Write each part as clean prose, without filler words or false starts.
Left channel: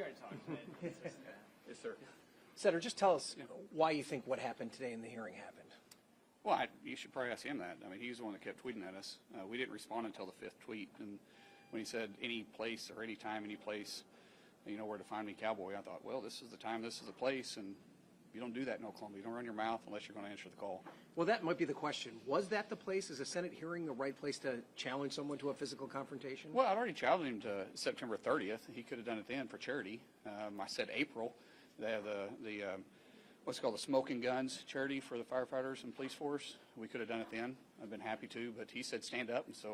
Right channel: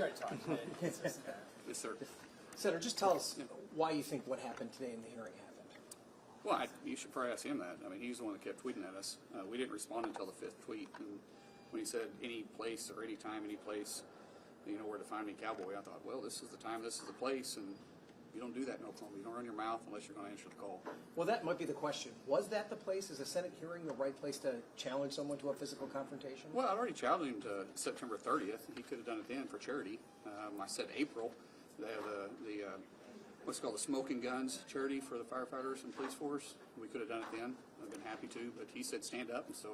We already talked about it. Yes, sir. Senator, just tell us why you think what happened today in the hearing happened. Well, you should probably ask him that. I mean, he's the one that kept tweeting at us. We didn't respond until the 5th tweet, and when he said any place or any time, any place, you know, where to find me, cowboy, I thought, well, this is the time, this is the place, and you don't do that in Oklahoma. You don't run your mouth unless you're going to answer the call. Well, that might be the question. Was that the place? Is a Senate hearing the right place to challenge someone to a physical confrontation? Well, I'd already challenged him to September 30th. He could have done it then for charity. I said April. They have the what's called the Smoking Guns charity for the firefighters and police force. We could have done it then. I've been happy to, but he said stand up, and so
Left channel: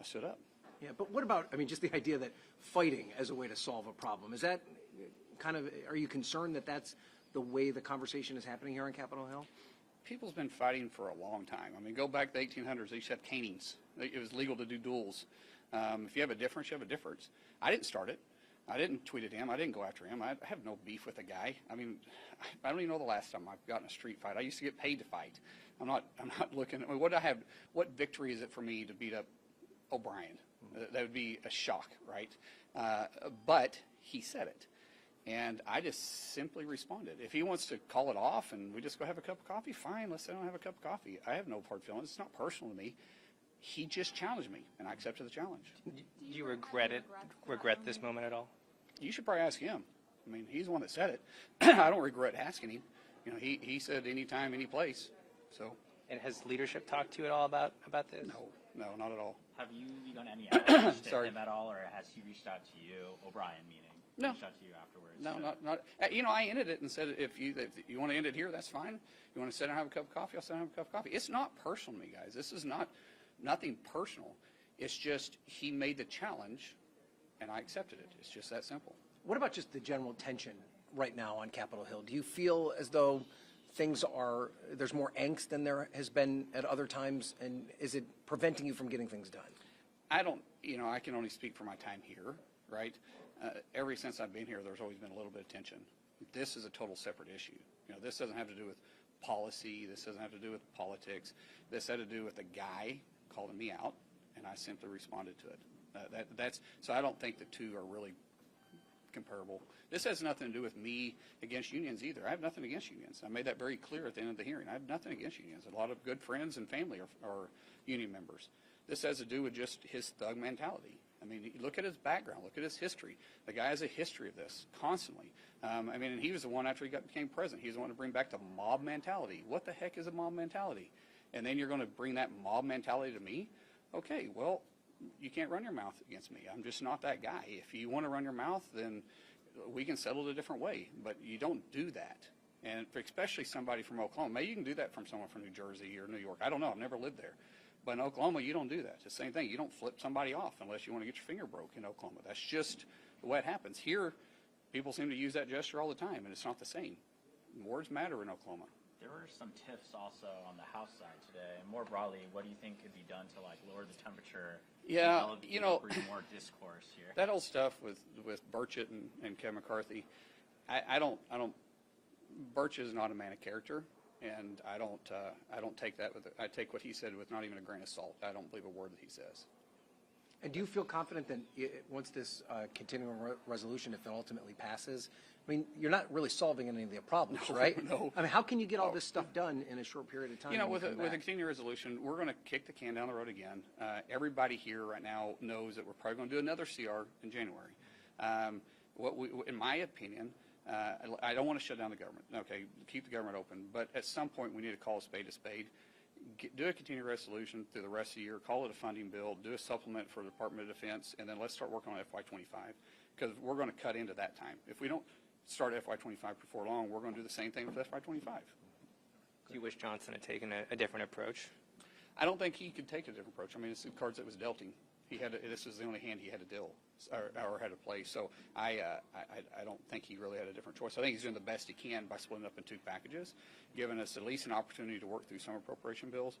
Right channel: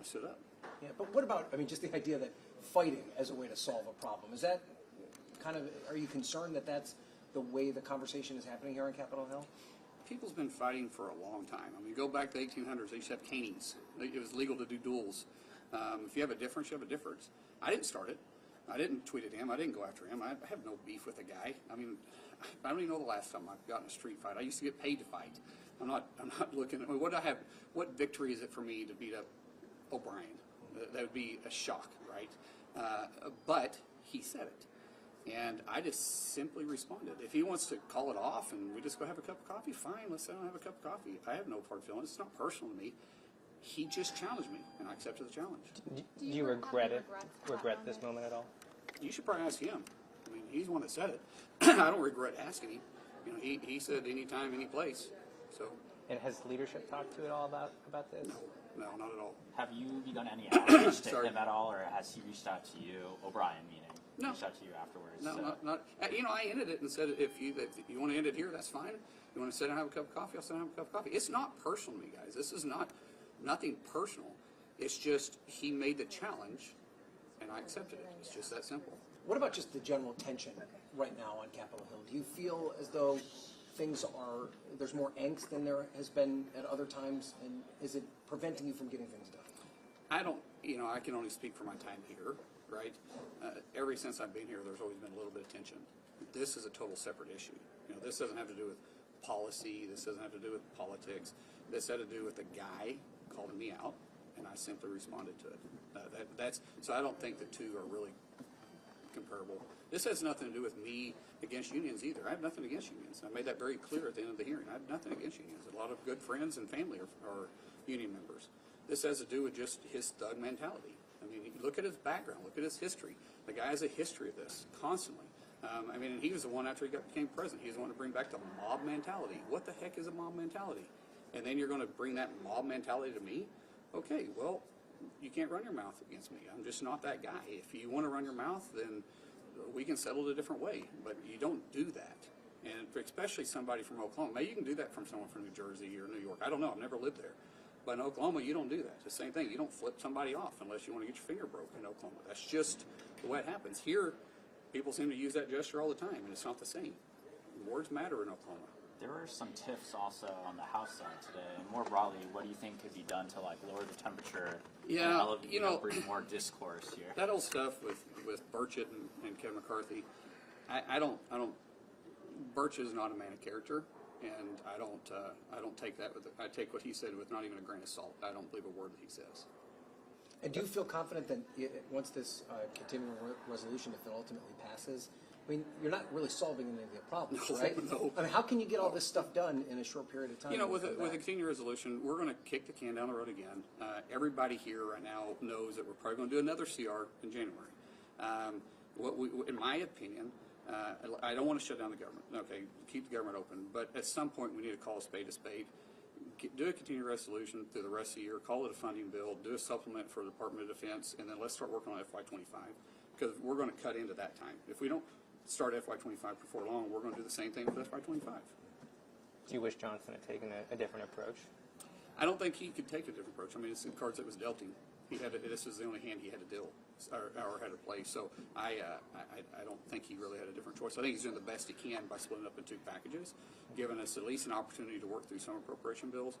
I stood up. Yeah, but what about, I mean, just the idea that fighting as a way to solve a problem, is that kind of, are you concerned that that's the way the conversation is happening here on Capitol Hill? People's been fighting for a long time. I mean, go back to the 1800s, they used to have canings. It was legal to do duels. If you have a difference, you have a difference. I didn't start it. I didn't tweet at him. I didn't go after him. I have no beef with the guy. I mean, I don't even know the last time I've gotten a street fight. I used to get paid to fight. I'm not looking, I mean, what victory is it for me to beat up O'Brien? That would be a shock, right? But he said it. And I just simply responded. If he wants to call it off and we just go have a cup of coffee, fine, let's sit down and have a cup of coffee. I have no hard feelings. It's not personal to me. He just challenged me, and I accepted the challenge. Do you regret this moment at all? You should probably ask him. I mean, he's the one that said it. I don't regret asking him. You know, he said anytime, any place. So. And has leadership talked to you at all about this? No, not at all. Have you done any outreach to him at all, or has he reached out to you, O'Brien meaning? No. Reached out to you afterwards? No, so. not. You know, I ended it and said, if you want to end it here, that's fine. You want to sit down and have a cup of coffee, I'll sit down and have a cup of coffee. It's not personal to me, guys. This is nothing personal. It's just he made the challenge, and I accepted it. It's just that simple. What about just the general tension right now on Capitol Hill? Do you feel as though there's more angst than there has been at other times, and is it preventing you from getting things done? I don't, you know, I can only speak for my time here, right? Ever since I've been here, there's always been a little bit of tension. This is a total separate issue. You know, this doesn't have to do with policy. This doesn't have to do with politics. This had to do with the guy calling me out, and I simply responded to it. So I don't think the two are really comparable. This has nothing to do with me against unions either. I have nothing against unions. I made that very clear at the end of the hearing. I have nothing against unions. A lot of good friends and family are union members. This has to do with just his thug mentality. I mean, look at his background. Look at his history. The guy has a history of this constantly. I mean, he was the one after he became president. He was the one to bring back the mob mentality. What the heck is a mob mentality? And then you're going to bring that mob mentality to me? Okay, well, you can't run your mouth against me. I'm just not that guy. If you want to run your mouth, then we can settle it a different way. But you don't do that. And especially somebody from Oklahoma. Maybe you can do that from someone from New Jersey or New York. I don't know. I've never lived there. But in Oklahoma, you don't do that. It's the same thing. You don't flip somebody off unless you want to get your finger broke in Oklahoma. That's just the way it happens. Here, people seem to use that gesture all the time, and it's not the same. Words matter in Oklahoma. There were some tiffs also on the House side today, and more broadly, what do you think could be done to like lower the temperature? Yeah, and you know, bring more discourse here. That old stuff with Burchett and Kevin McCarthy, I don't. Burchett is not a man of character, and I don't take that I take what he said with not even a grain of salt. I don't believe a word that he says. And do you feel confident that once this continuing resolution, if it ultimately passes, I mean, you're not really solving any of the problems, right? No. I mean, how can you get all this stuff done in a short period of time? You know, with a continuing resolution, we're going to kick the can down the road again. Everybody here right now knows that we're probably going to do another CR in January. In my opinion, I don't want to shut down the government. Okay, keep the government open. But at some point, we need to call a spade a spade. Do a continuing resolution through the rest of the year. Call it a funding bill. Do a supplement for the Department of Defense, and then let's start working on FY25 because we're going to cut into that time. If we don't start FY25 before long, we're going to do the same thing with FY25. Do you wish Johnson had taken a different approach? I don't think he could take a different approach. I mean, it's the cards that was dealt him. This is the only hand he had to deal or had to play. So I don't think he really had a different choice. I think he's doing the best he can by splitting up in two packages, giving us at least an opportunity to work through some appropriation bills.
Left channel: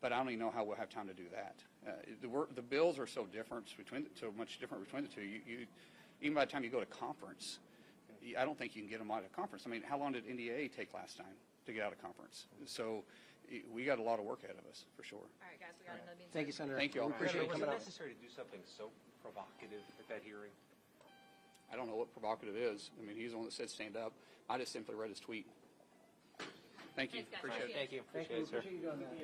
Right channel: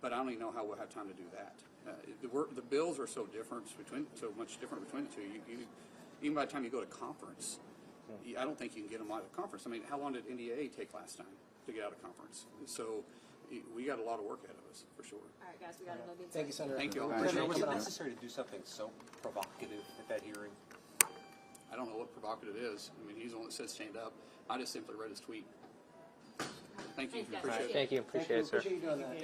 But I don't even know how we'll have time to do that. The bills are so much different between the two. Even by the time you go to conference, I don't think you can get them out of conference. I mean, how long did NDAA take last time to get out of conference? So we got a lot of work ahead of us, for sure. All right, guys, we got to know the Thank you, Senator. Thank you all. We appreciate Was it it. necessary to do something so provocative at that hearing? I don't know. know what provocative is. I mean, he's the one that said stand up. I just simply read his tweet. Thank you. Thanks, guys. Appreciate it. Thank you. Appreciate it, sir. Appreciate you doing that.